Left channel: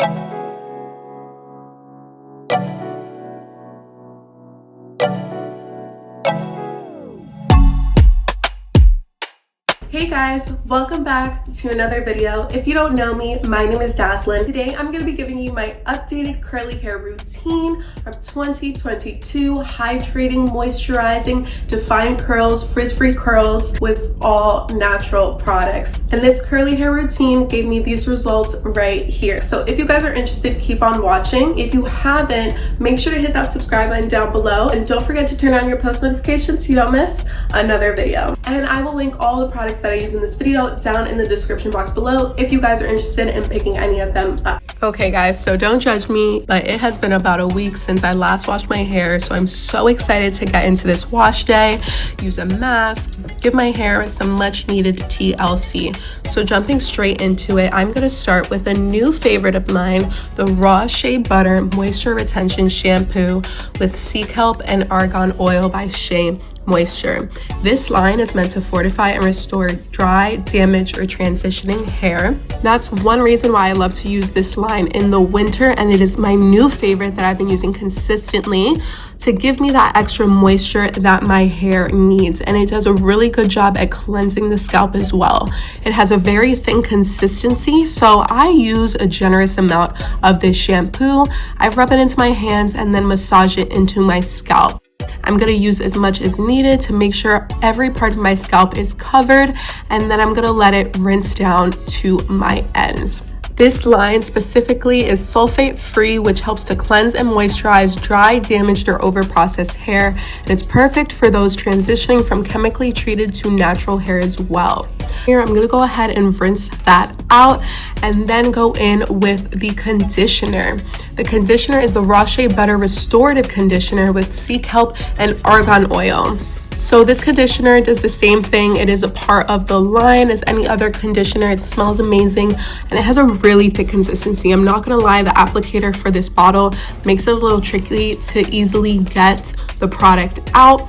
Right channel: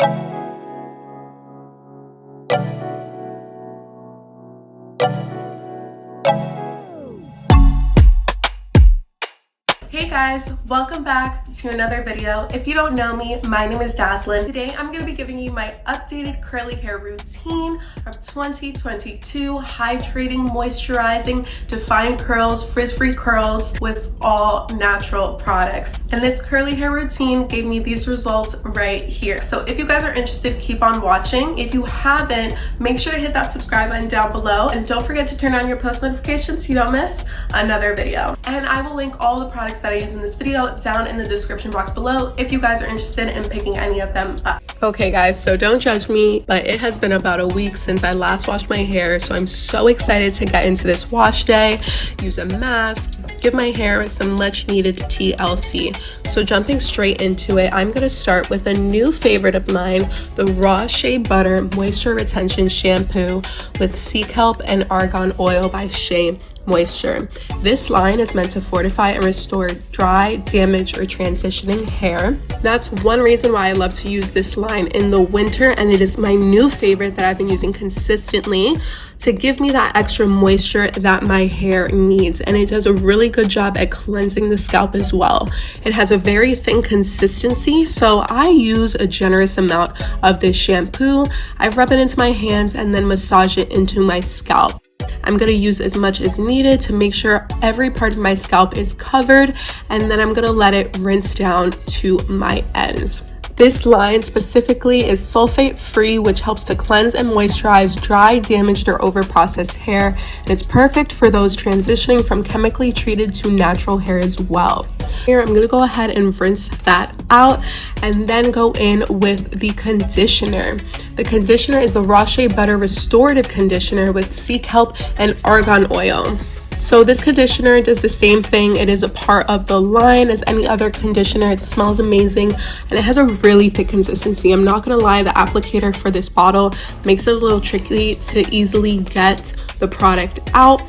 Hey guys, welcome back to another video. If you don't know me, my name is Daslin. Today I'm going to be giving you my updated curly hair routine of 2022 hydrating, moisturizing, defined curls, frizz-free curls with all natural products. And this curly hair routine gave me these results right here. So if you guys are interested, keep on watching. If you haven't, make sure to hit that subscribe button down below and don't forget to turn on your post notifications so you don't miss another video. And I will link all the products that I use in this video down in the description box below if you guys are interested in picking any of them up. Okay guys, so don't judge me, but it has been about a week since I last washed my hair, so I'm so excited to get into this wash day, use a mask, give my hair some much needed TLC. So jumping straight into it, I'm going to start with a new favorite of mine, the Raw Shea Butter Moisture Retention Shampoo with Scalp and Argan Oil by Shea Moisture. This line is meant to fortify and restore dry, damaged, or transitioning hair. That's one reason why I love to use this line in the winter, and it is my new favorite that I've been using consistently to give me that extra moisture that my hair needs, and it does a really good job at cleansing the scalp as well. It has a very thin consistency, so I use a generous amount of this shampoo. I rub it into my hands and then massage it into my scalp. I'm going to use as much as needed to make sure every part of my scalp is covered, and then I'm going to let it rinse down to my ends. This line specifically is sulfate free, which helps to cleanse and moisturize dry, damaged, or overprocessed hair. And it's perfect for those transitioning from chemically treated to natural hair as well. Here, I'm going to go ahead and rinse that out and then go in with the conditioner. The conditioner is the Raw Shea Butter Restorative Conditioner with Scalp and Argan Oil. So this conditioner does the same thing. It is a part of the line as any other conditioner. It smells amazing and it has a really thick consistency. I'm not gonna lie, the applicator for this bottle makes it a little tricky to easily get the product out,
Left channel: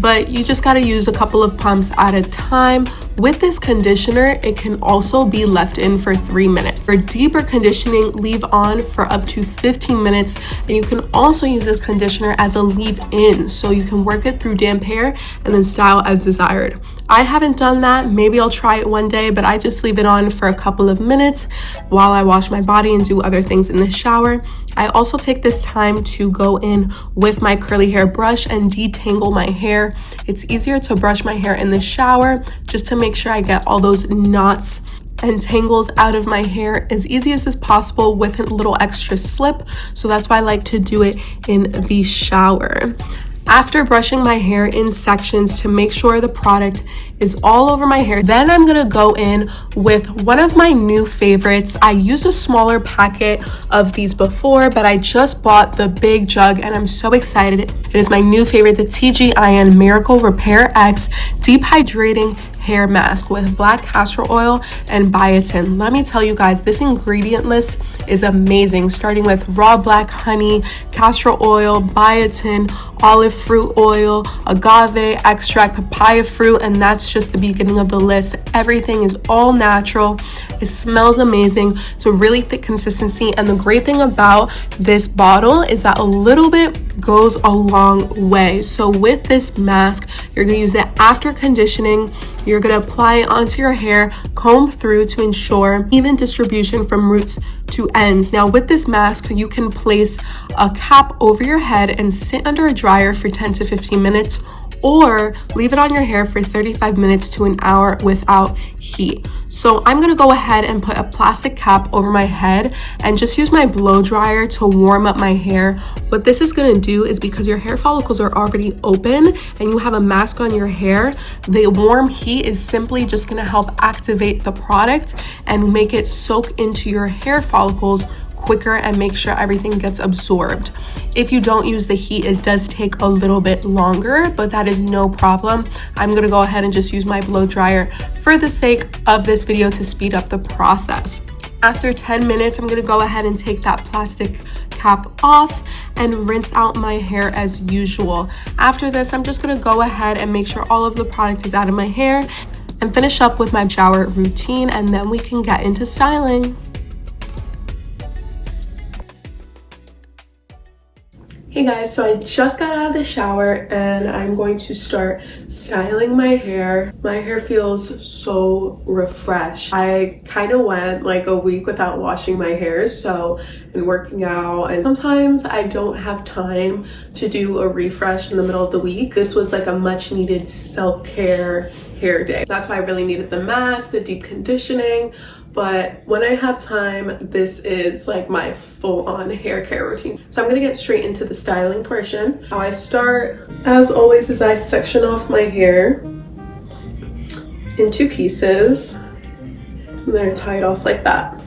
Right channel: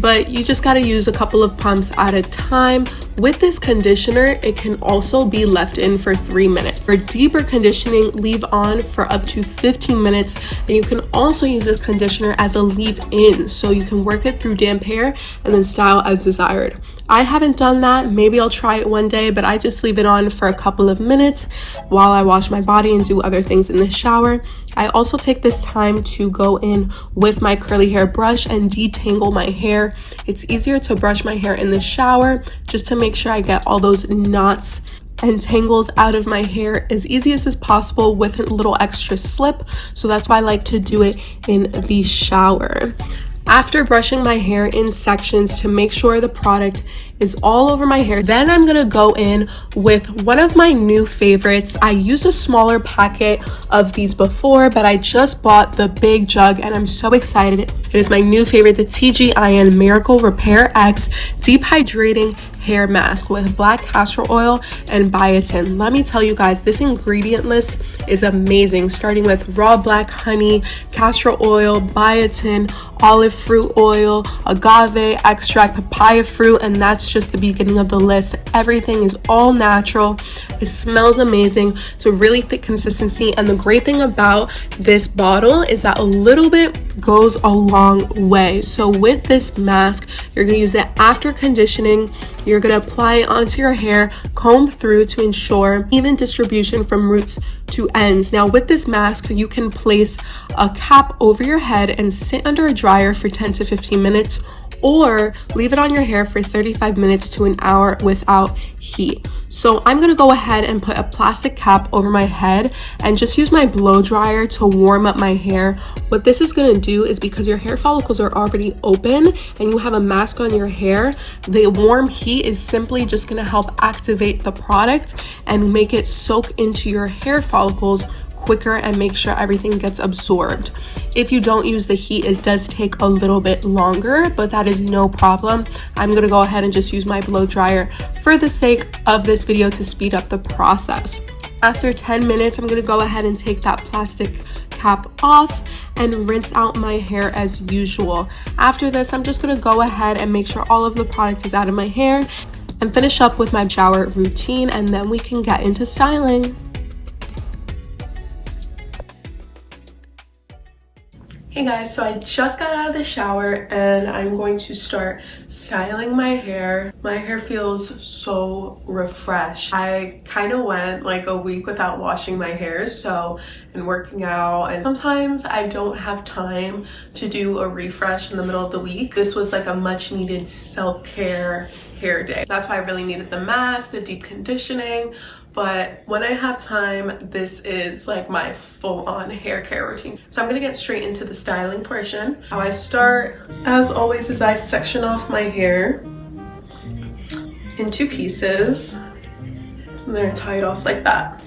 but you just gotta use a couple of pumps at a time. With this conditioner, it can also be left in for 3 minutes. For deeper conditioning, leave on for up to 15 minutes. And you can also use this conditioner as a leave-in, so you can work it through damp hair and then style as desired. I haven't done that. Maybe I'll try it one day, but I just leave it on for a couple of minutes while I wash my body and do other things in the shower. I also take this time to go in with my curly hair brush and detangle my hair. It's easier to brush my hair in the shower just to make sure I get all those knots and tangles out of my hair as easiest as possible with a little extra slip. So that's why I like to do it in the shower. After brushing my hair in sections to make sure the product is all over my hair, then I'm gonna go in with one of my new favorites. I used a smaller packet of these before, but I just bought the big jug and I'm so excited. It is my new favorite, the TGIN Miracle Repairx Deep Hydrating Hair Mask with black castor oil and biotin. Let me tell you guys, this ingredient list is amazing, starting with raw black honey, castor oil, biotin, olive fruit oil, agave extract, papaya fruit, and that's just the beginning of the list. Everything is all natural. It smells amazing. It's a really thick consistency, and the great thing about this bottle is that a little bit goes a long way. So with this mask, you're going to use it after conditioning. You're going to apply it onto your hair, comb through to ensure even distribution from roots to ends. Now with this mask, you can place a cap over your head and sit under a dryer for 10 to 15 minutes, or leave it on your hair for 35 minutes to an hour without heat. So I'm gonna go ahead and put a plastic cap over my head and just use my blow dryer to warm up my hair. What this is gonna do is, because your hair follicles are already open and you have a mask on your hair, the warm heat is simply just gonna help activate the product and make it soak into your hair follicles quicker and make sure everything gets absorbed. If you don't use the heat, it does take a little bit longer, but that is no problem. I'm gonna go ahead and just use my blow dryer for the sake of this video to speed up the process. After 10 minutes, I'm gonna go ahead and take that plastic cap off and rinse out my hair as usual. After this, I'm just gonna go ahead and make sure all of the product is out of my hair and finish up with my shower routine, and then we can get into styling. Hey guys, so I just got out of the shower and I'm going to start styling my hair. My hair feels so refreshed. I kind of went like a week without washing my hair, and working out, and sometimes I don't have time to do a refresh in the middle of the week. This was like a much needed self-care hair day. That's why I really needed the mask, the deep conditioning. But when I have time, this is like my full-on hair care routine. So I'm gonna get straight into the styling portion. How I start, as always, is I section off my hair into pieces, and then I tie it off like that.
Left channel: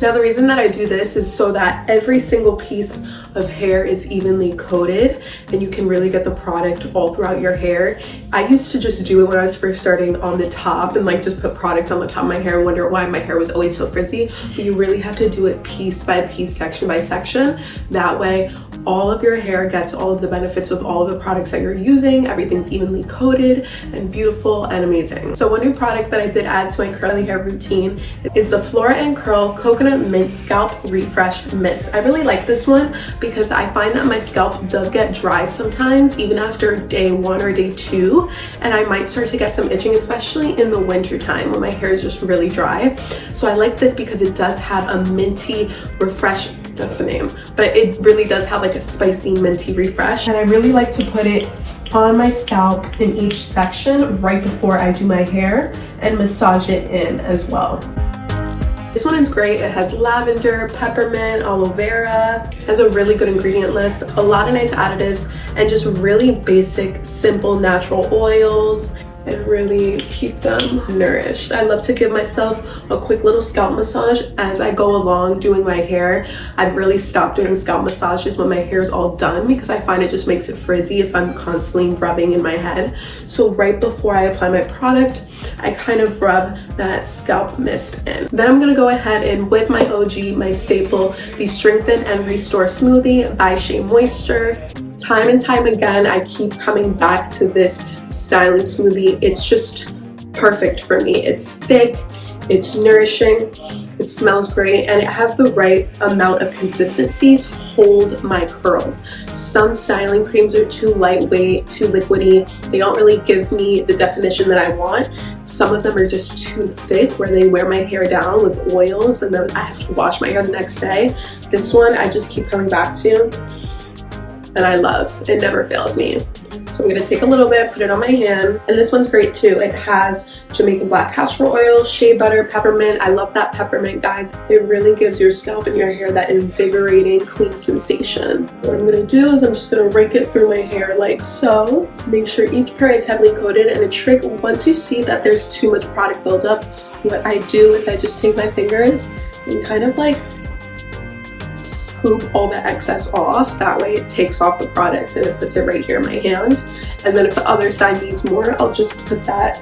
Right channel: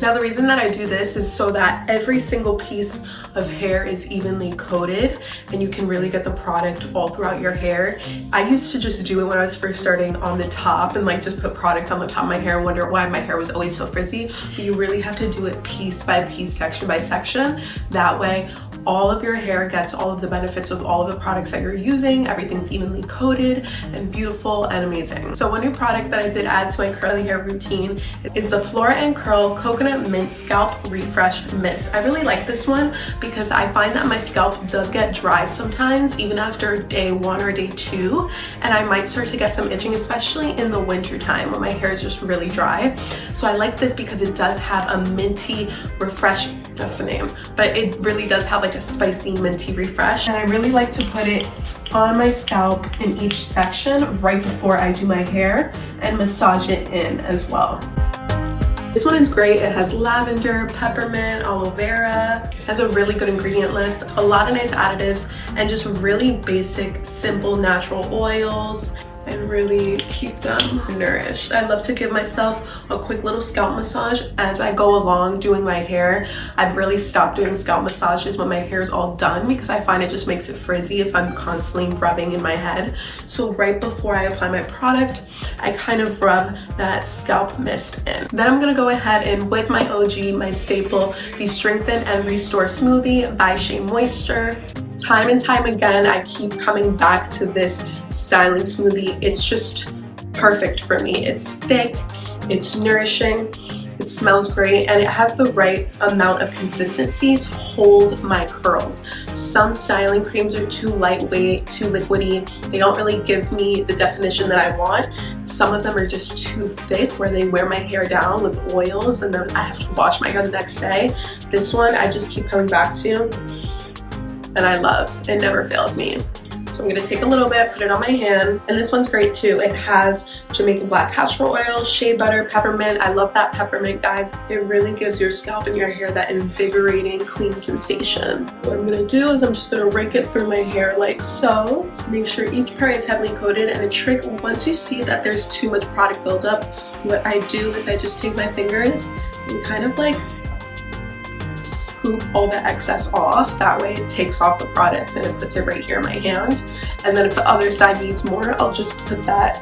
Now the reason that I do this is so that every single piece of hair is evenly coated and you can really get the product all throughout your hair. I used to just do it when I was first starting on the top and like just put product on the top of my hair and wonder why my hair was always so frizzy. But you really have to do it piece by piece, section by section. That way all of your hair gets all of the benefits of all of the products that you're using. Everything's evenly coated and beautiful and amazing. So one new product that I did add to my curly hair routine is the Flora Curl Coconut Mint Scalp Refresh Mist. I really like this one because I find that my scalp does get dry sometimes, even after day 1 or day 2, and I might start to get some itching, especially in the winter time when my hair is just really dry. So I like this because it does have a minty refresh, that's the name, but it really does have like a spicy minty refresh. And I really like to put it on my scalp in each section right before I do my hair and massage it in as well. This one is great. It has lavender, peppermint, aloe vera, has a really good ingredient list, a lot of nice additives, and just really basic, simple, natural oils, and really keep them nourished. I love to give myself a quick little scalp massage as I go along doing my hair. I've really stopped doing scalp massages when my hair is all done because I find it just makes it frizzy if I'm constantly rubbing in my head. So right before I apply my product, I kind of rub that scalp mist in. Then I'm gonna go ahead and with my OG, my staple, the Strengthen and Restore Smoothie by Shea Moisture. Time and time again, I keep coming back to this styling smoothie. It's just perfect for me. It's thick, it's nourishing, it smells great, and it has the right amount of consistency to hold my curls. Some styling creams are too lightweight, too liquidy. They don't really give me the definition that I want. Some of them are just too thick where they wear my hair down with oils and then I have to wash my hair the next day. This one I just keep coming back to and I love. It never fails me. So I'm gonna take a little bit, put it on my hand, and this one's great too. It has Jamaican black castor oil, shea butter, peppermint. I love that peppermint, guys. It really gives your scalp and your hair that invigorating, clean sensation. What I'm gonna do is I'm just gonna rake it through my hair like so. Make sure each part is heavily coated, and a trick, once you see that there's too much product buildup, what I do is I just take my fingers and kind of like scoop all the excess off. That way it takes off the product and it puts it right here in my hand. And then if the other side needs more, I'll just put that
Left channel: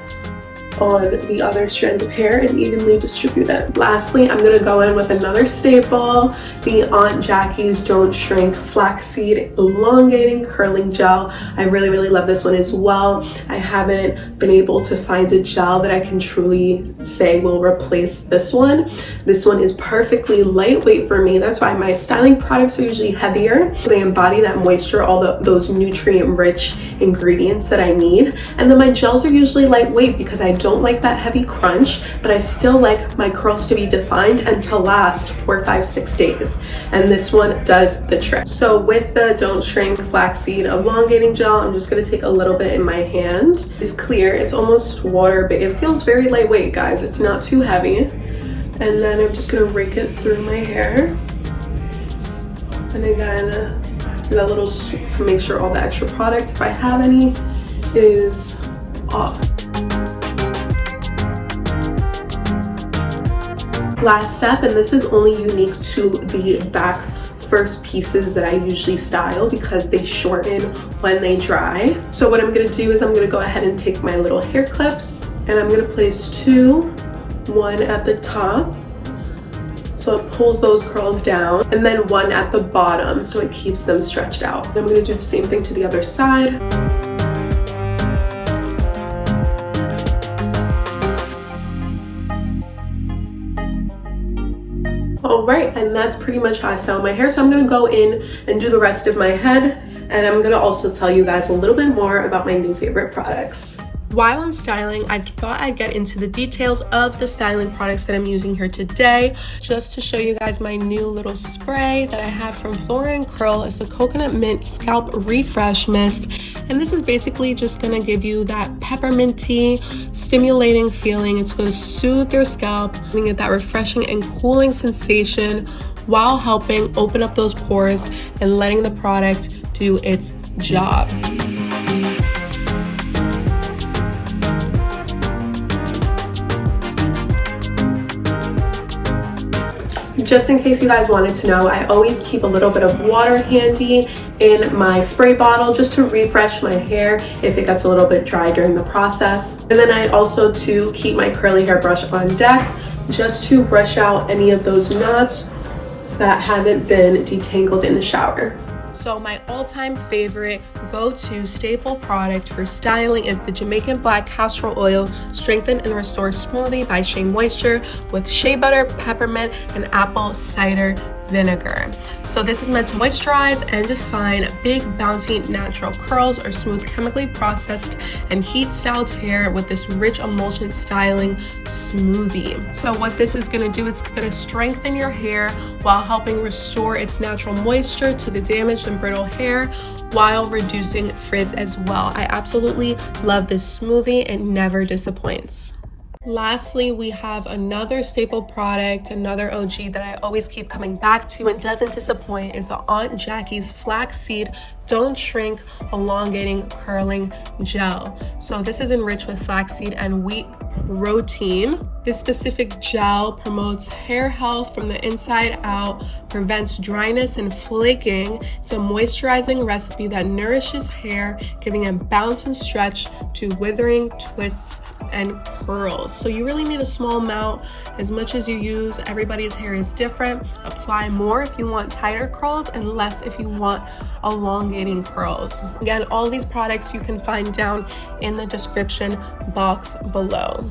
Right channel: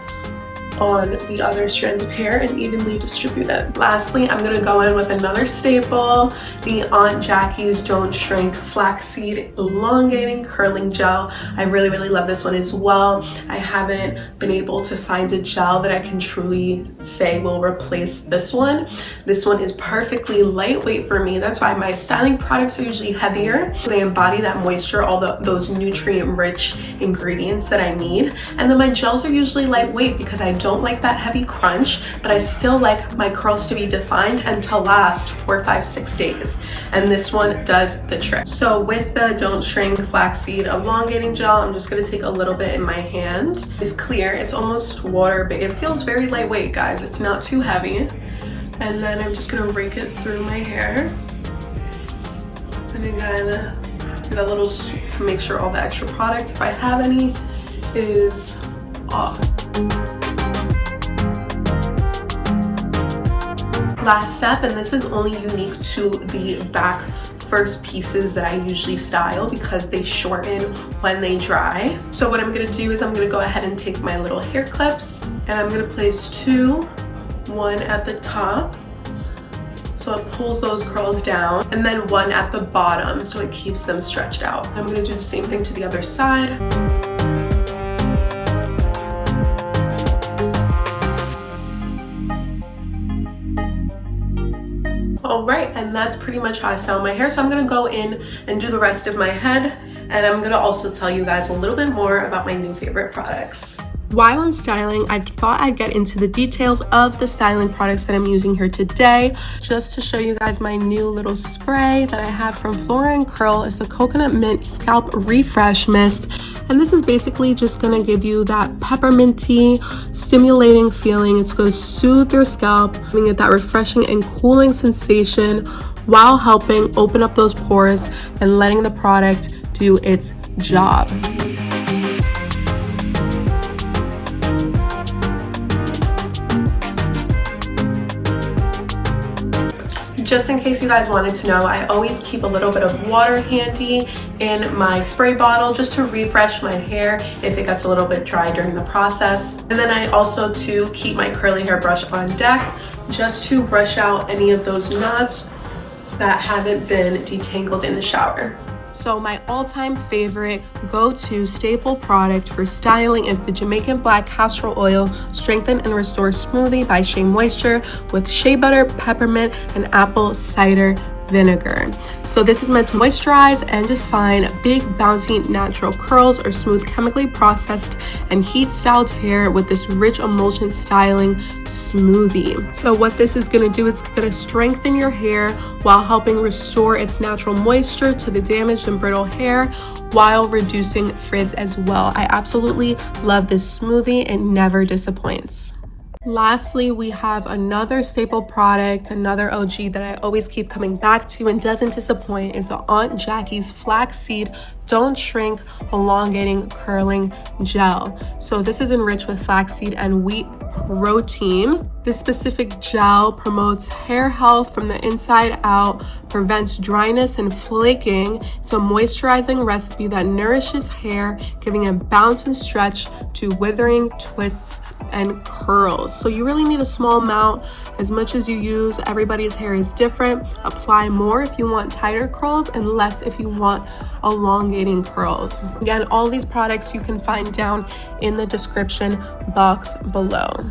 on the other strands of hair and evenly distribute it. Lastly, I'm gonna go in with another staple, the Aunt Jackie's Don't Shrink Flaxseed Elongating Curling Gel. I really, really love this one as well. I haven't been able to find a gel that I can truly say will replace this one. This one is perfectly lightweight for me. That's why my styling products are usually heavier. They embody that moisture, all those nutrient-rich ingredients that I need. And then my gels are usually lightweight because I don't like that heavy crunch, but I still like my curls to be defined and to last 4, 5, 6 days. And this one does the trick. So with the Don't Shrink Flaxseed Elongating Gel, I'm just gonna take a little bit in my hand. It's clear, it's almost water, but it feels very lightweight, guys. It's not too heavy. And then I'm just gonna rake it through my hair. And again, do that little sweep to make sure all the extra product, if I have any, is off. Last step, and this is only unique to the back first pieces that I usually style because they shorten when they dry. So what I'm gonna do is I'm gonna go ahead and take my little hair clips and I'm gonna place 2, one at the top so it pulls those curls down, and then one at the bottom so it keeps them stretched out. I'm gonna do the same thing to the other side. All right, and that's pretty much how I style my hair. So I'm gonna go in and do the rest of my head, and I'm gonna also tell you guys a little bit more about my new favorite products. While I'm styling, I thought I'd get into the details of the styling products that I'm using here today, just to show you guys my new little spray that I have from Flora Curl. It's a coconut mint scalp refresh mist, and this is basically just gonna give you that pepperminty, stimulating feeling. It's gonna soothe your scalp, giving it that refreshing and cooling sensation while helping open up those pores and letting the product do its job. Just in case you guys wanted to know, I always keep a little bit of water handy in my spray bottle just to refresh my hair if it gets a little bit dry during the process. And then I also to keep my curly hair brush on deck just to brush out any of those knots that haven't been detangled in the shower. So my all-time favorite go-to staple product for styling is the Jamaican Black Castor Oil Strengthen and Restore Smoothie by Shea Moisture with shea butter, peppermint, and apple cider vinegar. So this is meant to moisturize and define big, bouncy, natural curls or smooth, chemically processed and heat styled hair with this rich emulsion styling smoothie. So what this is going to do, it's going to strengthen your hair while helping restore its natural moisture to the damaged and brittle hair while reducing frizz as well. I absolutely love this smoothie. It never disappoints. Lastly, we have another staple product, another OG that I always keep coming back to and doesn't disappoint, is the Aunt Jackie's Flaxseed Don't Shrink Elongating Curling Gel. So this is enriched with flaxseed and wheat protein. This specific gel promotes hair health from the inside out, prevents dryness and flaking. It's a moisturizing recipe that nourishes hair, giving a bounce and stretch to withering, twists, and curls. So you really need a small amount, as much as you use. Everybody's hair is different. Apply more if you want tighter curls and less if you want elongating curls. Again, all these products you can find down in the description box below.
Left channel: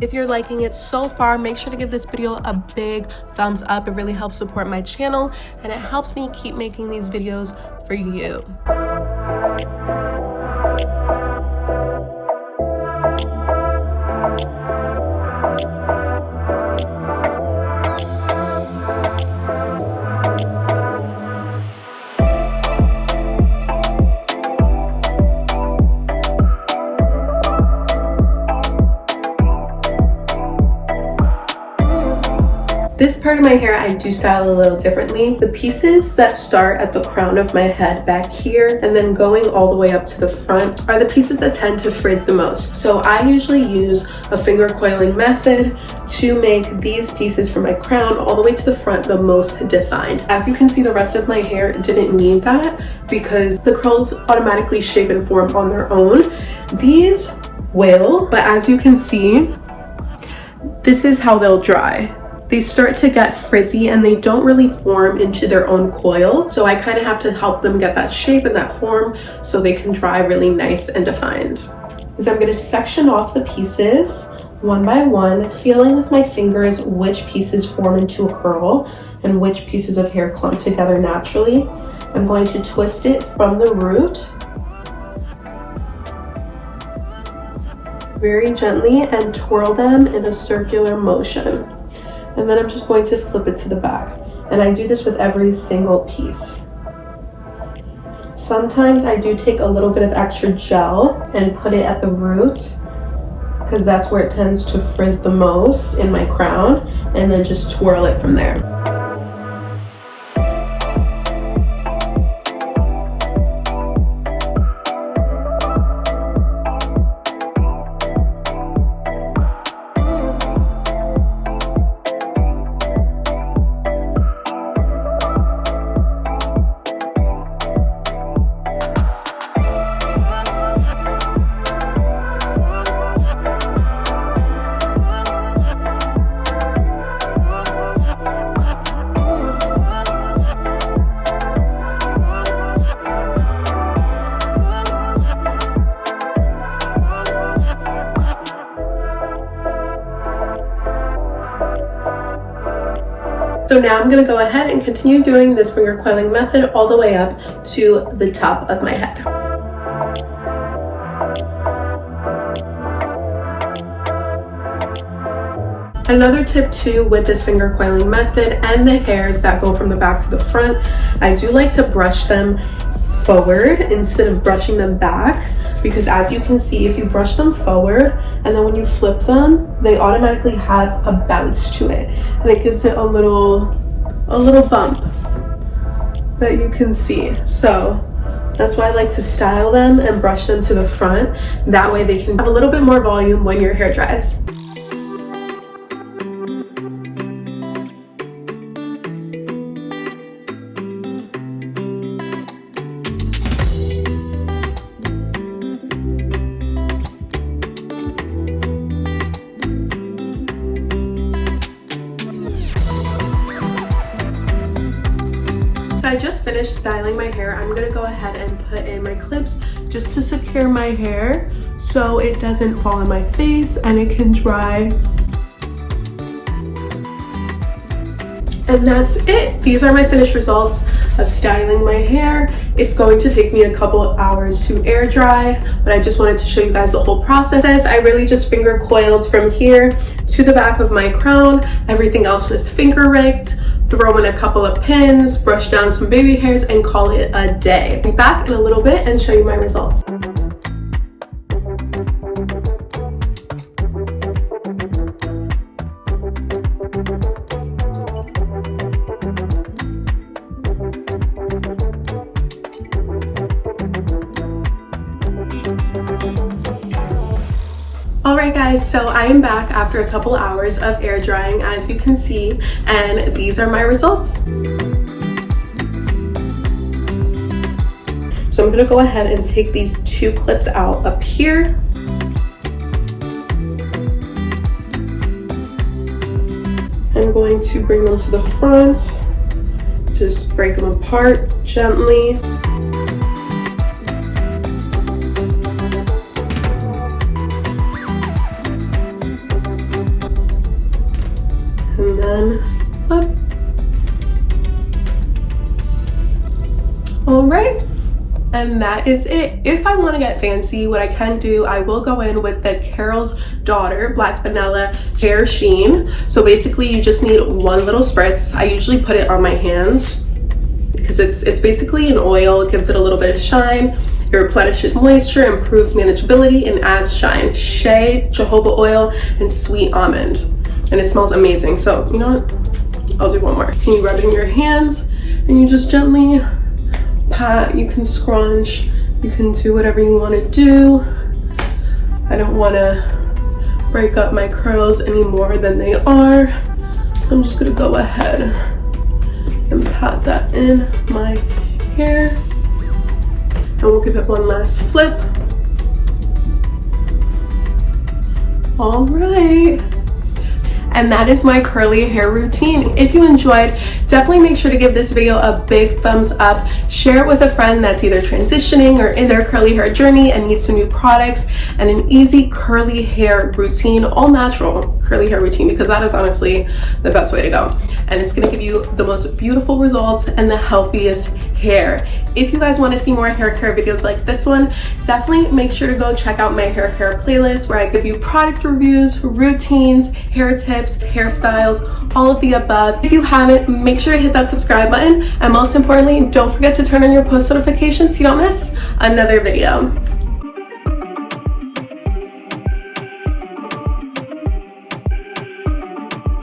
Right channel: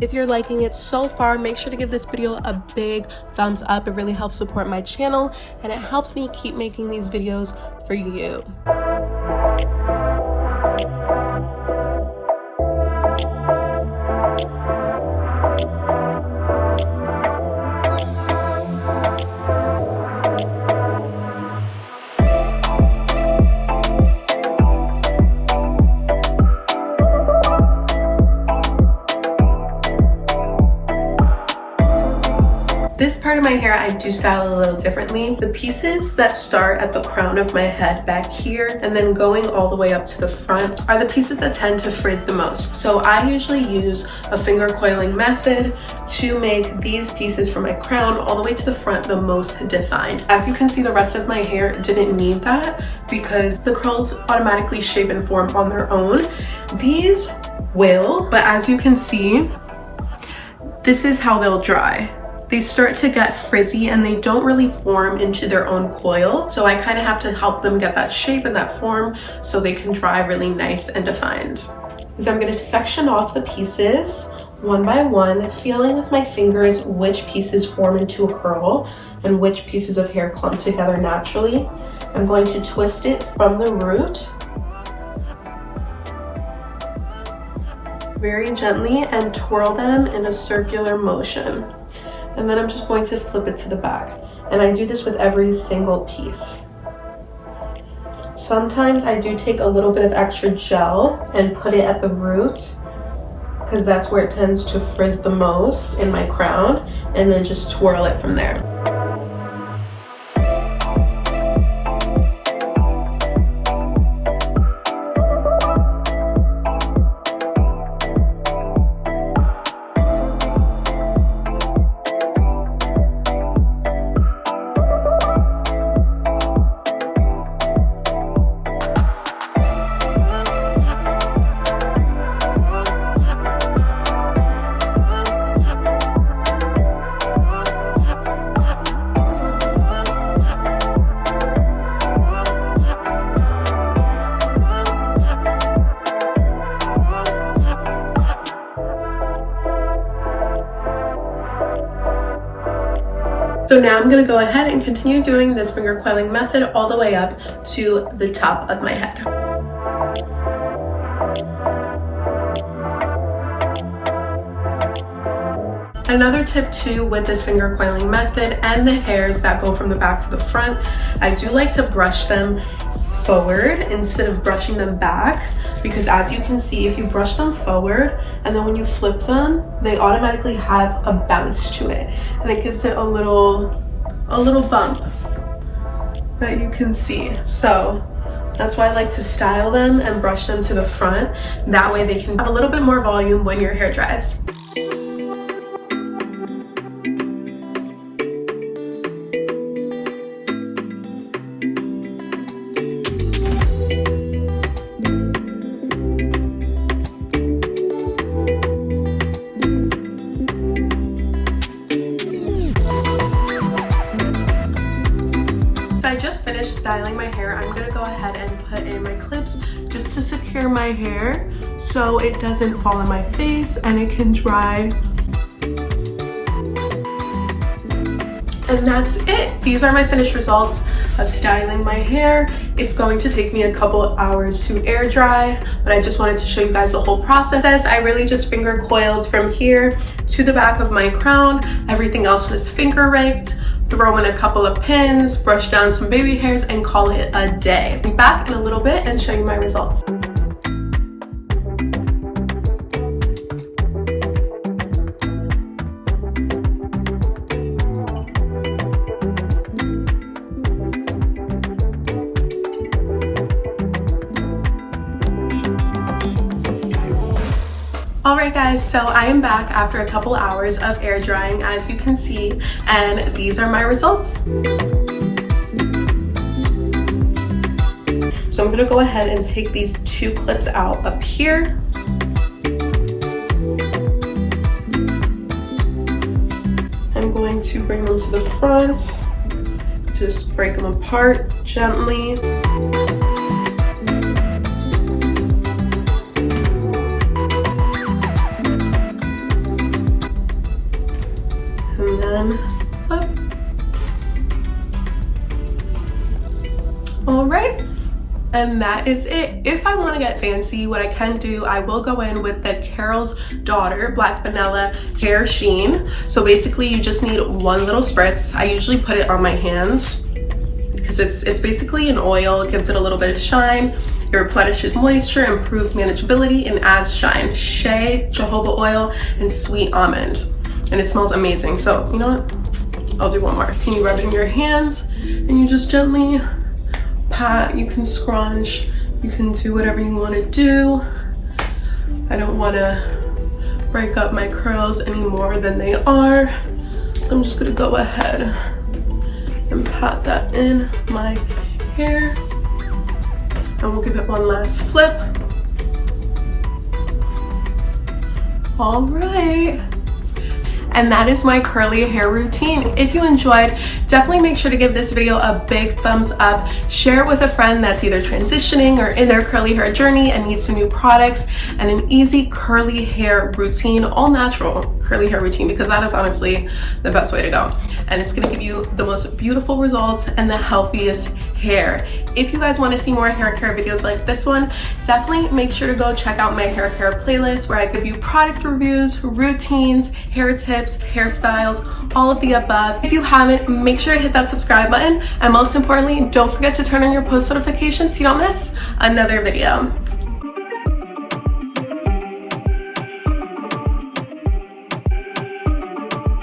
If you're liking it so far, make sure to give this video a big thumbs up. It really helps support my channel and it helps me keep making these videos for you. This part of my hair I do style a little differently. The pieces that start at the crown of my head back here and then going all the way up to the front are the pieces that tend to frizz the most. So I usually use a finger coiling method to make these pieces from my crown all the way to the front the most defined. As you can see, the rest of my hair didn't need that because the curls automatically shape and form on their own. These will, but as you can see, this is how they'll dry. They start to get frizzy and they don't really form into their own coil. So I kind of have to help them get that shape and that form so they can dry really nice and defined. So I'm going to section off the pieces one by one, feeling with my fingers which pieces form into a curl and which pieces of hair clump together naturally. I'm going to twist it from the root very gently and twirl them in a circular motion. And then I'm just going to flip it to the back. And I do this with every single piece. Sometimes I do take a little bit of extra gel and put it at the root because that's where it tends to frizz the most in my crown, and then just twirl it from there. So now I'm going to go ahead and continue doing this finger coiling method all the way up to the top of my head. Another tip too with this finger coiling method and the hairs that go from the back to the front, I do like to brush them forward instead of brushing them back, because as you can see, if you brush them forward and then when you flip them, they automatically have a bounce to it and it gives it a little bump that you can see. So that's why I like to style them and brush them to the front. That way they can have a little bit more volume when your hair dries. I just finished styling my hair. I'm gonna go ahead and put in my clips just to secure my hair so it doesn't fall on my face and it can dry. And that's it. These are my finished results of styling my hair. It's going to take me a couple hours to air dry, but I just wanted to show you guys the whole process. I really just finger coiled from here to the back of my crown. Everything else was finger rigged. Throw in a couple of pins, brush down some baby hairs, and call it a day. I'll be back in a little bit and show you my results. Alright guys, so I am back after a couple hours of air drying, as you can see, and these are my results. So I'm going to go ahead and take these two clips out up here. I'm going to bring them to the front, just break them apart gently. And then up. All right, and that is it. If I want to get fancy, what I can do, I will go in with the Carol's Daughter Black Vanilla Hair Sheen. So basically you just need one little spritz. I usually put it on my hands because it's basically an oil. It gives it a little bit of shine. It replenishes moisture, improves manageability, and adds shine. Shea, jojoba oil, and sweet almond. And it smells amazing. So you know what, I'll do one more. Can you rub it in your hands and you just gently pat. You can scrunch, you can do whatever you want to do. I don't want to break up my curls any more than they are, so I'm just gonna go ahead and pat that in my hair, and we'll give it one last flip. All right. And that is my curly hair routine. If you enjoyed, definitely make sure to give this video a big thumbs up. Share it with a friend that's either transitioning or in their curly hair journey and needs some new products and an easy curly hair routine, all natural curly hair routine, because that is honestly the best way to go. And it's gonna give you the most beautiful results and the healthiest hair. If you guys want to see more hair care videos like this one, definitely make sure to go check out my hair care playlist where I give you product reviews, routines, hair tips, hairstyles, all of the above. If you haven't, make sure to hit that subscribe button, and most importantly, don't forget to turn on your post notifications so you don't miss another video.